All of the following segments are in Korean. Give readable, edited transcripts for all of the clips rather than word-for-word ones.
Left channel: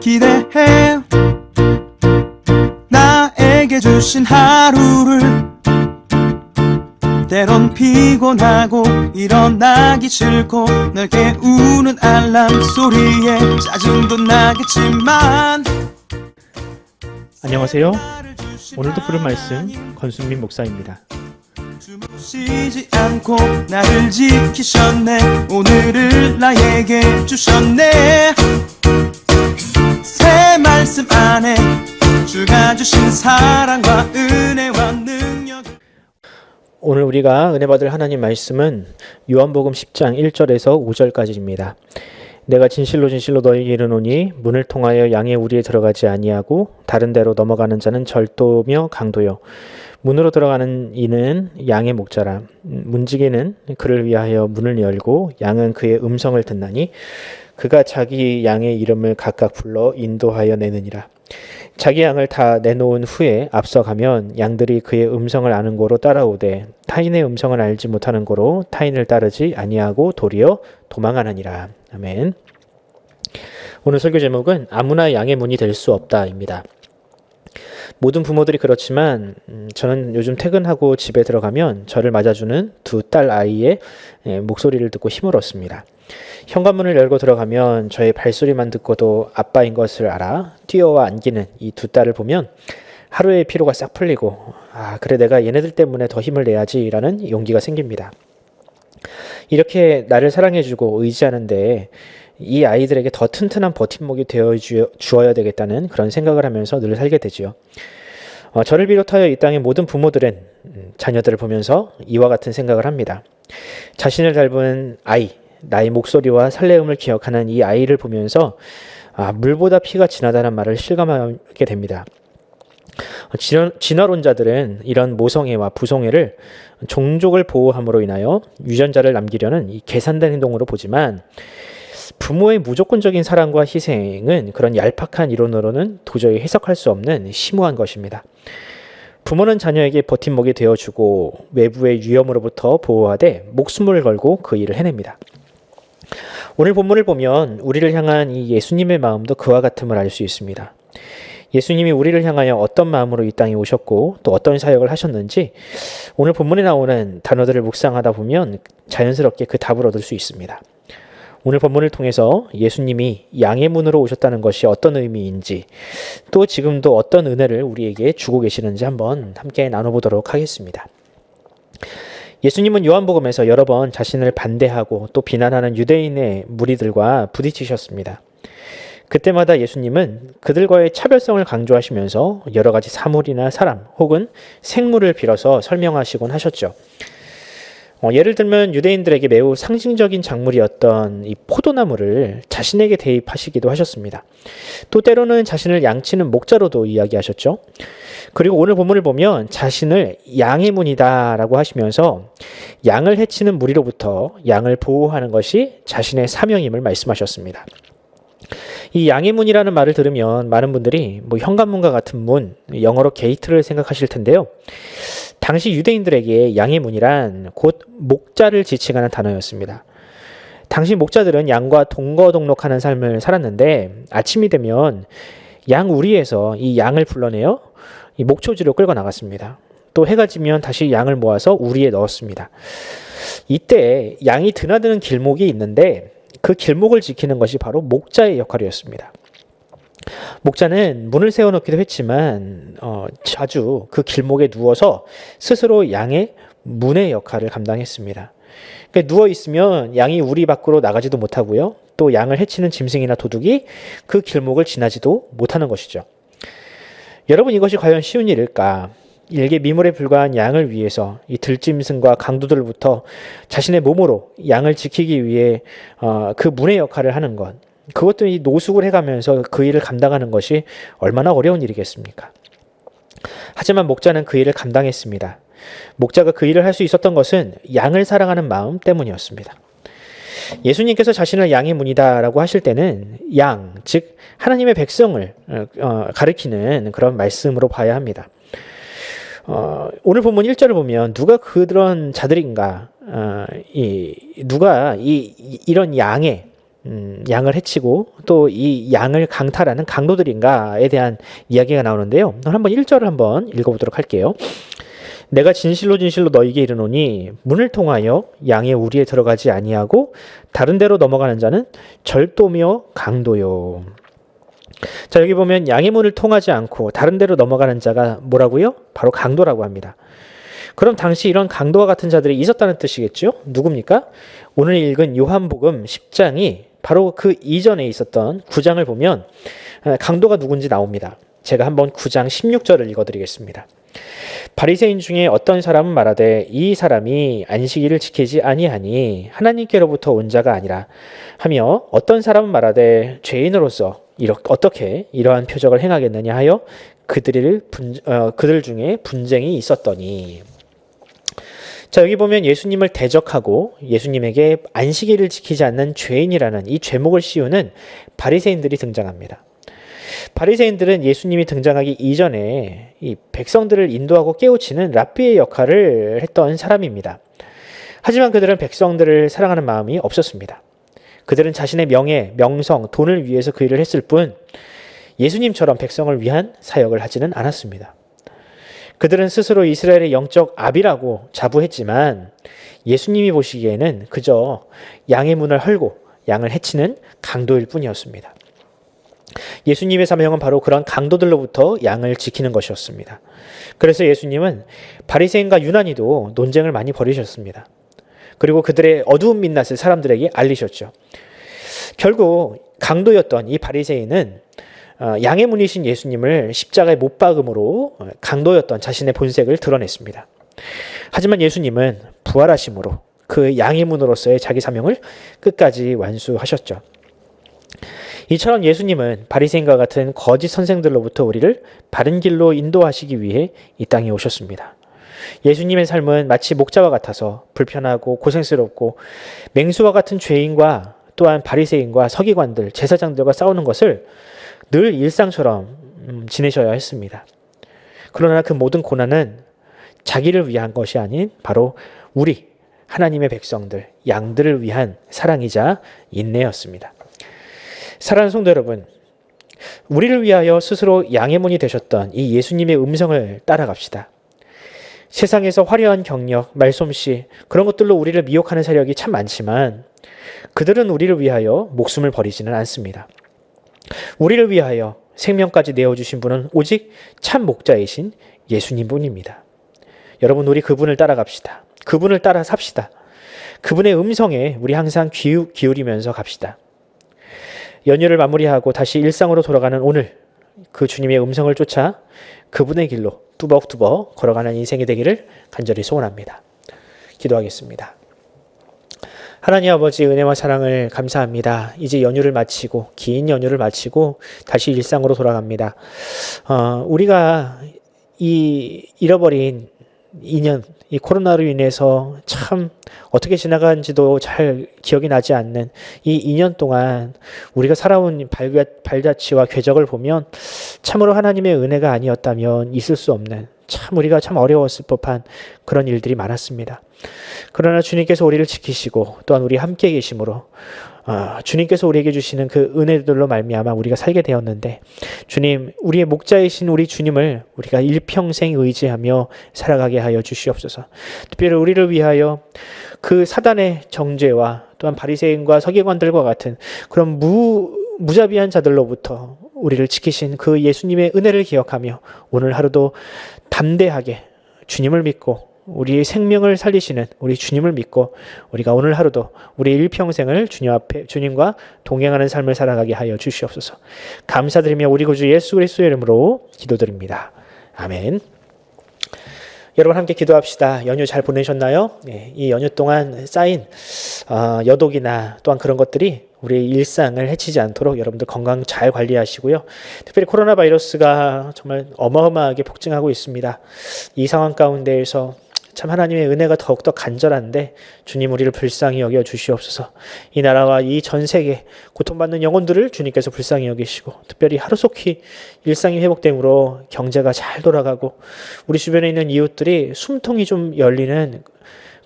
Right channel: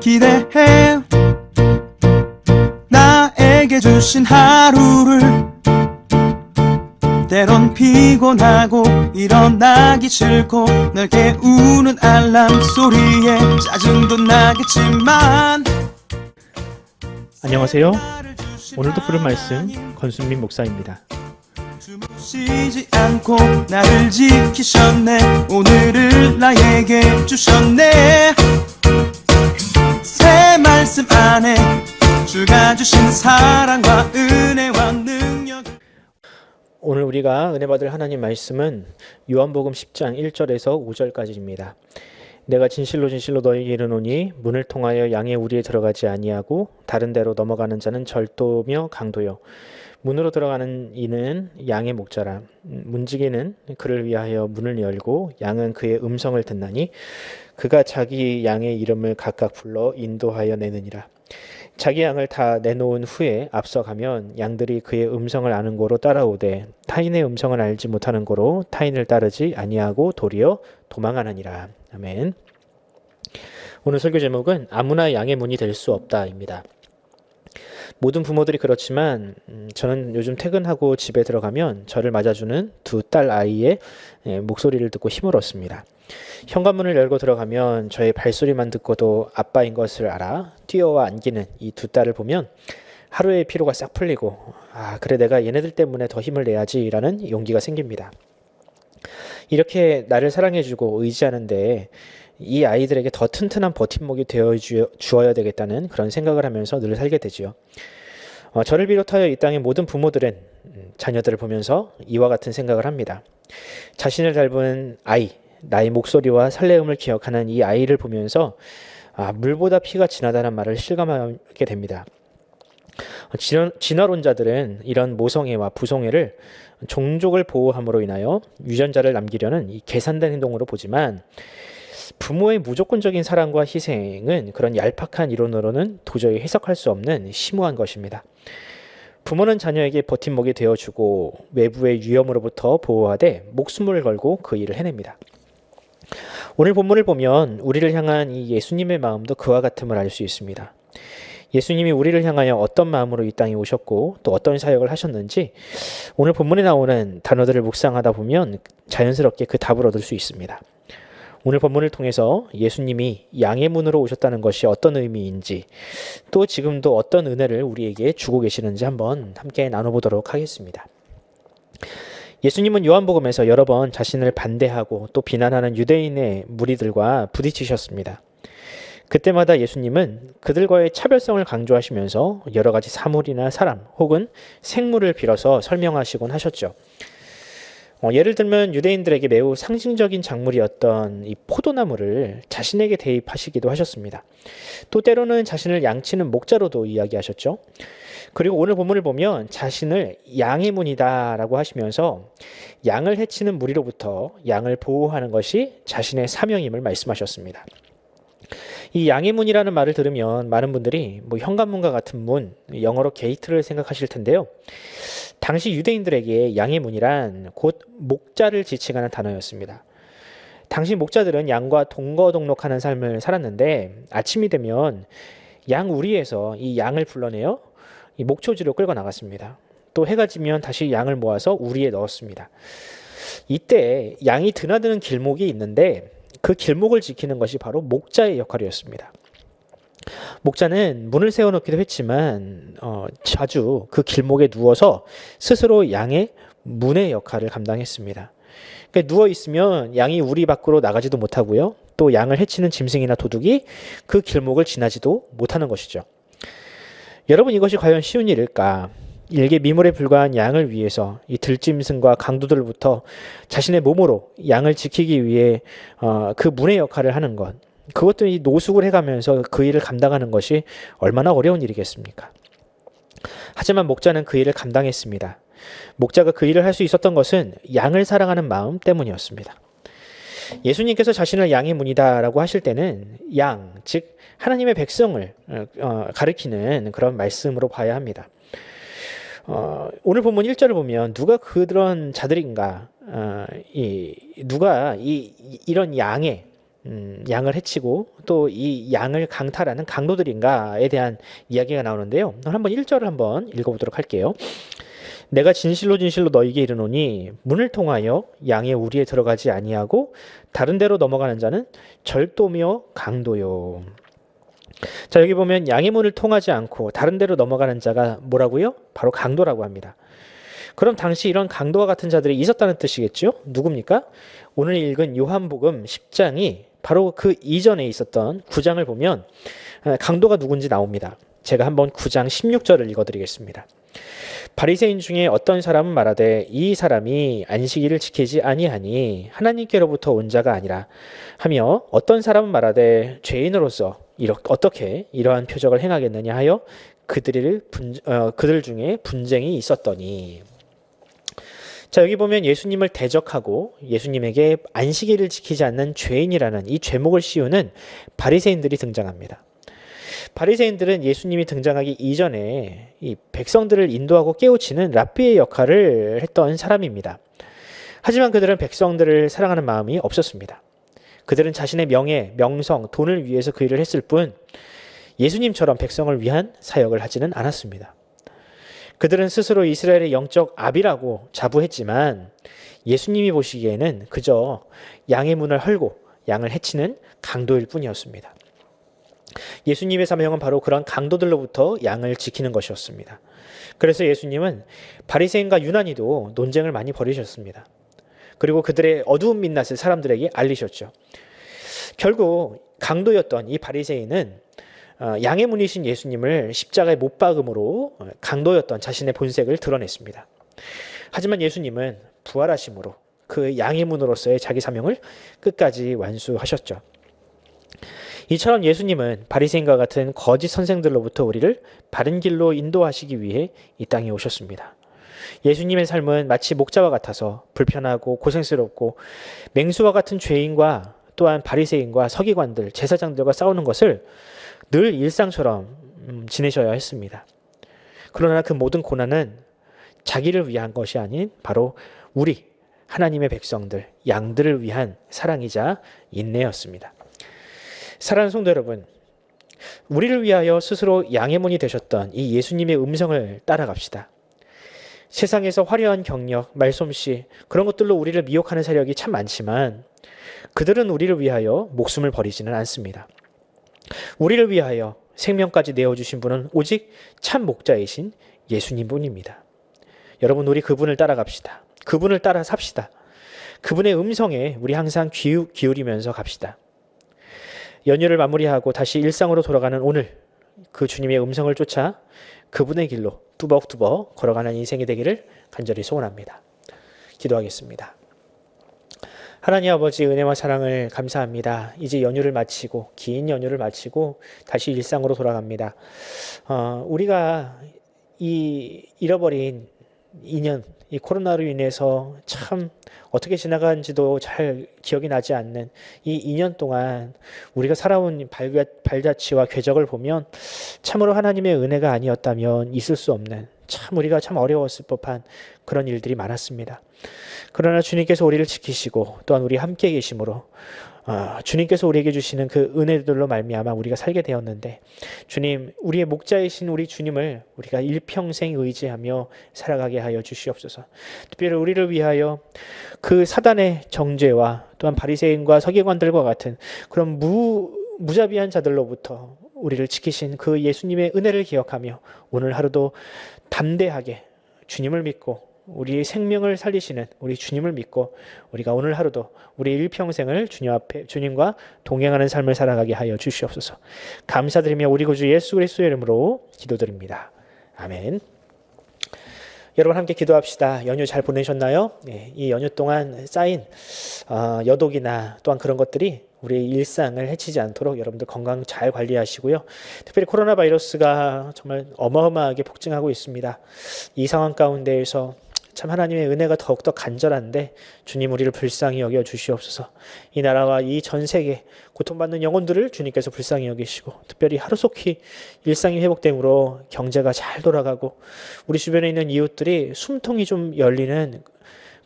기대해 나에게 주신 하루를 때론 피곤하고 일어나기 싫고 널 깨우는 알람 소리에 짜증도 나겠지만 안녕하세요. 오늘도 부를 말씀 권순민 목사입니다. 쉬지 않고 나를 지키셨네. 오늘을 나에게 주셨네. 새 말씀 안에 주가 주신 사랑과 은혜와 능력. 오늘 우리가 은혜 받을 하나님 말씀은 요한복음 10장 1절에서 5절까지입니다. 내가 진실로 진실로 너희에게 이르노니 문을 통하여 양의 우리에 들어가지 아니하고 다른 데로 넘어가는 자는 절도며 강도요 문으로 들어가는 이는 양의 목자라. 문지기는 그를 위하여 문을 열고 양은 그의 음성을 듣나니 그가 자기 양의 이름을 각각 불러 인도하여 내느니라. 자기 양을 다 내놓은 후에 앞서가면 양들이 그의 음성을 아는 고로 따라오되 타인의 음성을 알지 못하는 고로 타인을 따르지 아니하고 도리어 도망하느니라. 아멘. 오늘 설교 제목은 아무나 양의 문이 될 수 없다입니다. 모든 부모들이 그렇지만 저는 요즘 퇴근하고 집에 들어가면 저를 맞아주는 두 딸 아이의 목소리를 듣고 힘을 얻습니다. 현관문을 열고 들어가면 저의 발소리만 듣고도 아빠인 것을 알아 뛰어와 안기는 이 두 딸을 보면 하루의 피로가 싹 풀리고 그래 내가 얘네들 때문에 더 힘을 내야지 라는 용기가 생깁니다. 이렇게 나를 사랑해주고 의지하는데 이 아이들에게 더 튼튼한 버팀목이 되어 주어야 되겠다는 그런 생각을 하면서 늘 살게 되지요. 저를 비롯하여 이 땅의 모든 부모들은 자녀들을 보면서 이와 같은 생각을 합니다. 자신을 닮은 아이, 나의 목소리와 설레음을 기억하는 이 아이를 보면서 물보다 피가 진하다는 말을 실감하게 됩니다. 진화론자들은 이런 모성애와 부성애를 종족을 보호함으로 인하여 유전자를 남기려는 이 계산된 행동으로 보지만 부모의 무조건적인 사랑과 희생은 그런 얄팍한 이론으로는 도저히 해석할 수 없는 심오한 것입니다. 부모는 자녀에게 버팀목이 되어주고 외부의 위험으로부터 보호하되 목숨을 걸고 그 일을 해냅니다. 오늘 본문을 보면 우리를 향한 이 예수님의 마음도 그와 같음을 알 수 있습니다. 예수님이 우리를 향하여 어떤 마음으로 이 땅에 오셨고 또 어떤 사역을 하셨는지 오늘 본문에 나오는 단어들을 묵상하다 보면 자연스럽게 그 답을 얻을 수 있습니다. 오늘 본문을 통해서 예수님이 양의 문으로 오셨다는 것이 어떤 의미인지 또 지금도 어떤 은혜를 우리에게 주고 계시는지 한번 함께 나눠보도록 하겠습니다. 예수님은 요한복음에서 여러 번 자신을 반대하고 또 비난하는 유대인의 무리들과 부딪히셨습니다. 그때마다 예수님은 그들과의 차별성을 강조하시면서 여러 가지 사물이나 사람 혹은 생물을 빌어서 설명하시곤 하셨죠. 예를 들면 유대인들에게 매우 상징적인 작물이었던 이 포도나무를 자신에게 대입하시기도 하셨습니다. 또 때로는 자신을 양치는 목자로도 이야기하셨죠. 그리고 오늘 본문을 보면 자신을 양의 문이다라고 하시면서 양을 해치는 무리로부터 양을 보호하는 것이 자신의 사명임을 말씀하셨습니다. 이 양의 문이라는 말을 들으면 많은 분들이 현관문과 같은 문, 영어로 게이트를 생각하실 텐데요. 당시 유대인들에게 양의 문이란 곧 목자를 지칭하는 단어였습니다. 당시 목자들은 양과 동거동록하는 삶을 살았는데 아침이 되면 양 우리에서 이 양을 불러내어 이 목초지로 끌고 나갔습니다. 또 해가 지면 다시 양을 모아서 우리에 넣었습니다. 이때 양이 드나드는 길목이 있는데 그 길목을 지키는 것이 바로 목자의 역할이었습니다. 목자는 문을 세워놓기도 했지만 자주 그 길목에 누워서 스스로 양의 문의 역할을 감당했습니다. 그러니까 누워있으면 양이 우리 밖으로 나가지도 못하고요. 또 양을 해치는 짐승이나 도둑이 그 길목을 지나지도 못하는 것이죠. 여러분 이것이 과연 쉬운 일일까? 일개 미물에 불과한 양을 위해서 이 들짐승과 강도들부터 자신의 몸으로 양을 지키기 위해 그 문의 역할을 하는 것. 그것도 이 노숙을 해가면서 그 일을 감당하는 것이 얼마나 어려운 일이겠습니까? 하지만 목자는 그 일을 감당했습니다. 목자가 그 일을 할 수 있었던 것은 양을 사랑하는 마음 때문이었습니다. 예수님께서 자신을 양의 문이다라고 하실 때는 양, 즉 하나님의 백성을 가리키는 그런 말씀으로 봐야 합니다. 오늘 본문 1절을 보면 누가 그런 자들인가, 누가 이런 양의 양을 해치고 또 이 양을 강탈하는 강도들인가에 대한 이야기가 나오는데요. 한번 1절을 한번 읽어보도록 할게요. 내가 진실로 진실로 너희에게 이르노니 문을 통하여 양의 우리에 들어가지 아니하고 다른 데로 넘어가는 자는 절도며 강도요. 자, 여기 보면 양의 문을 통하지 않고 다른 데로 넘어가는 자가 뭐라고요? 바로 강도라고 합니다. 그럼 당시 이런 강도와 같은 자들이 있었다는 뜻이겠죠? 누굽니까? 오늘 읽은 요한복음 10장이 바로 그 이전에 있었던 9장을 보면 강도가 누군지 나옵니다. 제가 한번 9장 16절을 읽어드리겠습니다. 바리새인 중에 어떤 사람은 말하되 이 사람이 안식일을 지키지 아니하니 하나님께로부터 온 자가 아니라 하며 어떤 사람은 말하되 죄인으로서 어떻게 이러한 표적을 행하겠느냐 하여 그들 중에 분쟁이 있었더니. 자, 여기 보면 예수님을 대적하고 예수님에게 안식일을 지키지 않는 죄인이라는 이 죄목을 씌우는 바리새인들이 등장합니다. 바리새인들은 예수님이 등장하기 이전에 이 백성들을 인도하고 깨우치는 랍비의 역할을 했던 사람입니다. 하지만 그들은 백성들을 사랑하는 마음이 없었습니다. 그들은 자신의 명예, 명성, 돈을 위해서 그 일을 했을 뿐 예수님처럼 백성을 위한 사역을 하지는 않았습니다. 그들은 스스로 이스라엘의 영적 아비라고 자부했지만 예수님이 보시기에는 그저 양의 문을 헐고 양을 해치는 강도일 뿐이었습니다. 예수님의 사명은 바로 그런 강도들로부터 양을 지키는 것이었습니다. 그래서 예수님은 바리새인과 유난히도 논쟁을 많이 벌이셨습니다. 그리고 그들의 어두운 민낯을 사람들에게 알리셨죠. 결국 강도였던 이 바리새인은 양의 문이신 예수님을 십자가에 못 박음으로 강도였던 자신의 본색을 드러냈습니다. 하지만 예수님은 부활하심으로 그 양의 문으로서의 자기 사명을 끝까지 완수하셨죠. 이처럼 예수님은 바리새인과 같은 거짓 선생들로부터 우리를 바른 길로 인도하시기 위해 이 땅에 오셨습니다. 예수님의 삶은 마치 목자와 같아서 불편하고 고생스럽고 맹수와 같은 죄인과 또한 바리새인과 서기관들, 제사장들과 싸우는 것을 늘 일상처럼 지내셔야 했습니다. 그러나 그 모든 고난은 자기를 위한 것이 아닌 바로 우리 하나님의 백성들, 양들을 위한 사랑이자 인내였습니다. 사랑하는 성도 여러분, 우리를 위하여 스스로 양의 문이 되셨던 이 예수님의 음성을 따라갑시다. 세상에서 화려한 경력, 말솜씨 그런 것들로 우리를 미혹하는 세력이 참 많지만 그들은 우리를 위하여 목숨을 버리지는 않습니다. 우리를 위하여 생명까지 내어주신 분은 오직 참 목자이신 예수님뿐입니다. 여러분, 우리 그분을 따라갑시다. 그분을 따라 삽시다. 그분의 음성에 우리 항상 기울이면서 갑시다. 연휴를 마무리하고 다시 일상으로 돌아가는 오늘 그 주님의 음성을 쫓아 그분의 길로 뚜벅뚜벅 걸어가는 인생이 되기를 간절히 소원합니다. 기도하겠습니다. 하나님 아버지, 은혜와 사랑을 감사합니다. 이제 연휴를 마치고 긴 연휴를 마치고 다시 일상으로 돌아갑니다. 우리가 이 잃어버린 2년, 이 코로나로 인해서 참 어떻게 지나간지도 잘 기억이 나지 않는 이 2년 동안 우리가 살아온 발자취와 궤적을 보면 참으로 하나님의 은혜가 아니었다면 있을 수 없는, 참 우리가 참 어려웠을 법한 그런 일들이 많았습니다. 그러나 주님께서 우리를 지키시고 또한 우리 함께 계심으로 주님께서 우리에게 주시는 그 은혜들로 말미암아 우리가 살게 되었는데, 주님, 우리의 목자이신 우리 주님을 우리가 일평생 의지하며 살아가게 하여 주시옵소서. 특별히 우리를 위하여 그 사단의 정죄와 또한 바리새인과 서기관들과 같은 그런 무자비한 자들로부터 우리를 지키신 그 예수님의 은혜를 기억하며 오늘 하루도 담대하게 주님을 믿고 우리의 생명을 살리시는 우리 주님을 믿고 우리가 오늘 하루도 우리 일평생을 주님 앞에 주님과 동행하는 삶을 살아가게 하여 주시옵소서. 감사드리며 우리 구주 예수 그리스도의 이름으로 기도드립니다. 아멘. 여러분 함께 기도합시다. 연휴 잘 보내셨나요? 이 연휴 동안 쌓인 여독이나 또한 그런 것들이 우리의 일상을 해치지 않도록 여러분들 건강 잘 관리하시고요. 특별히 코로나 바이러스가 정말 어마어마하게 폭증하고 있습니다. 이 상황 가운데에서 참 하나님의 은혜가 더욱더 간절한데 주님 우리를 불쌍히 여겨 주시옵소서. 이 나라와 이 전 세계 고통받는 영혼들을 주님께서 불쌍히 여기시고 특별히 하루속히 일상이 회복됨으로 경제가 잘 돌아가고 우리 주변에 있는 이웃들이 숨통이 좀 열리는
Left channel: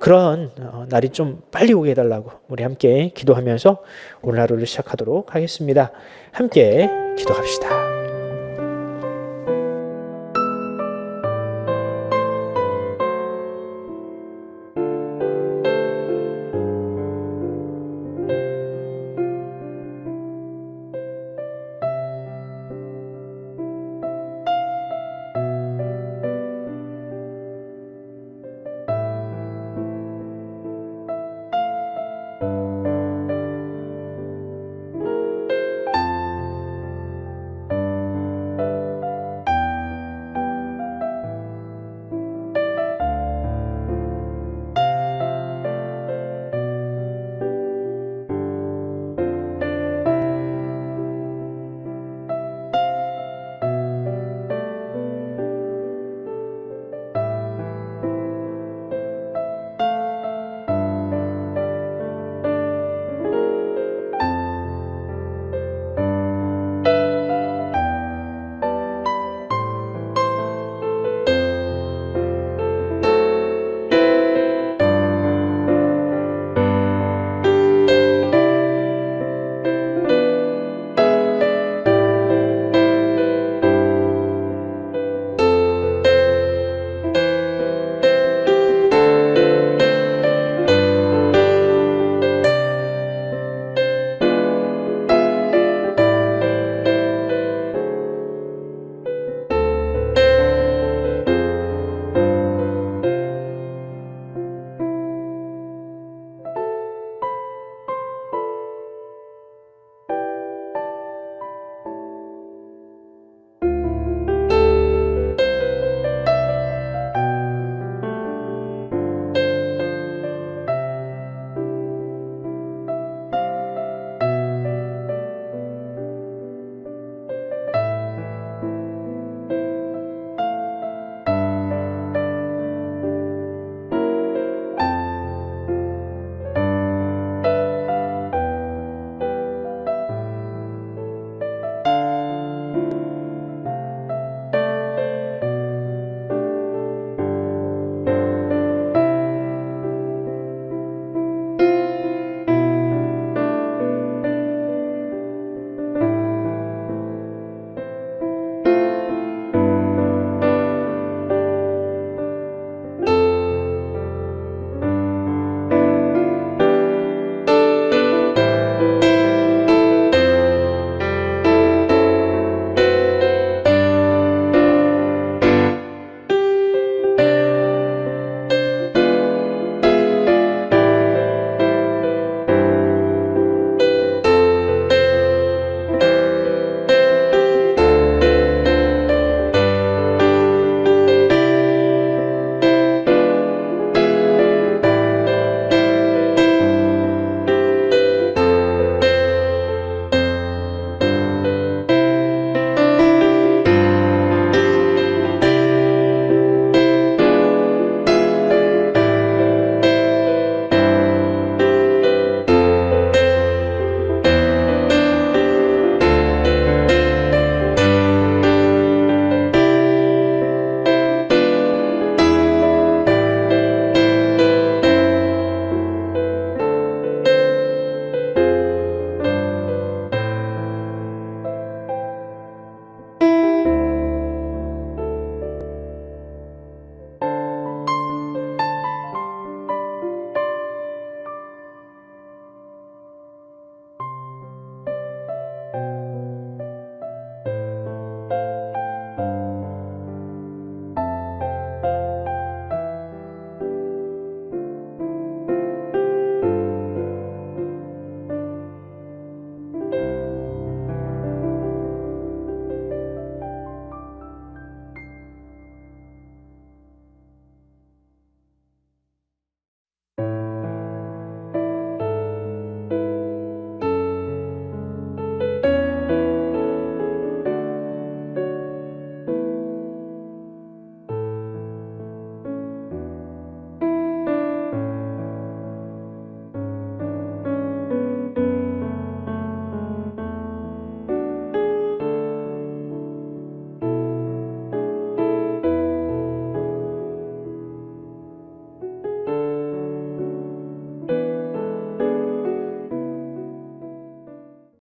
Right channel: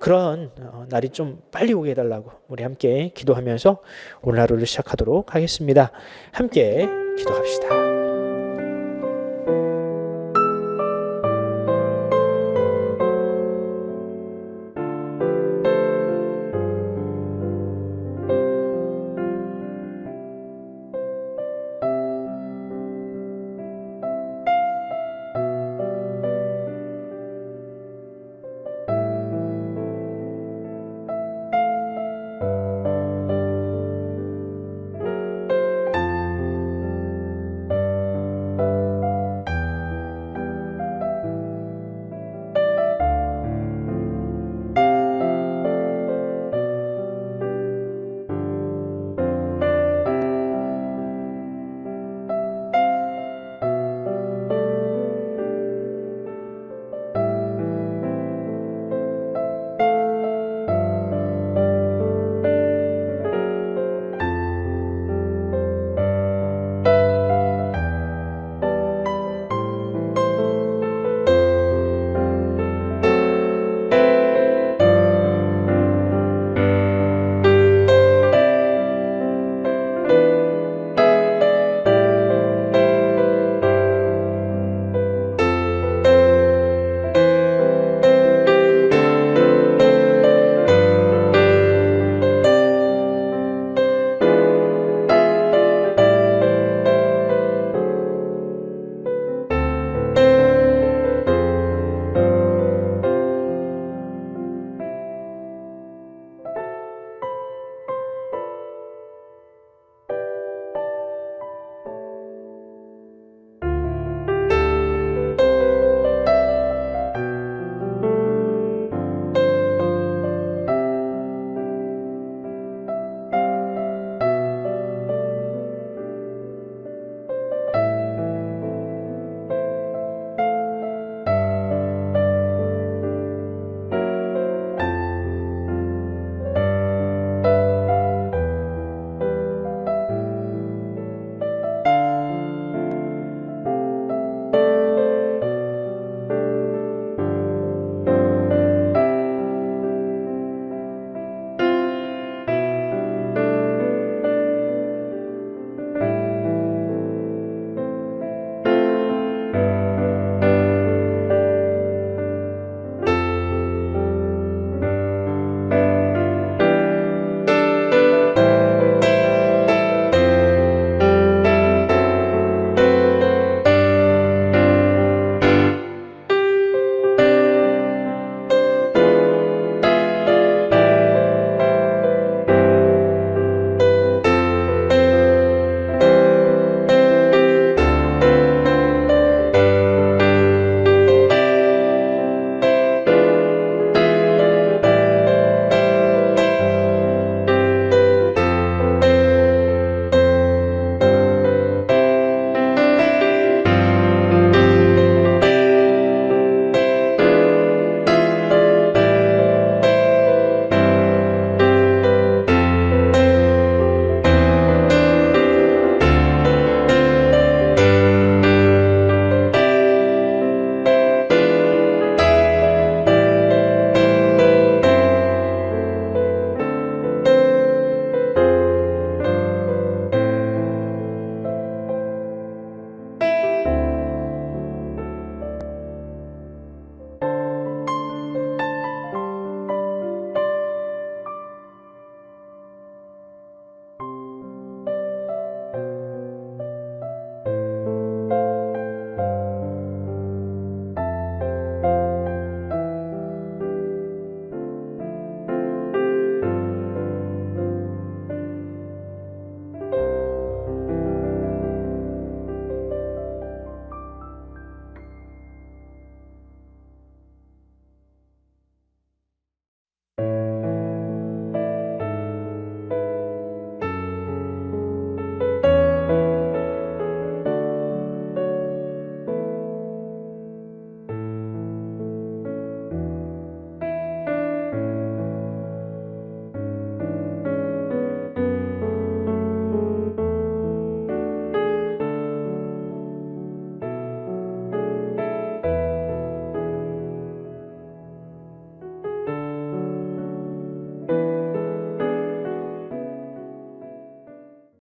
그런 날이 좀 빨리 오게 해달라고 우리 함께 기도하면서 오늘 하루를 시작하도록 하겠습니다. 함께 기도합시다.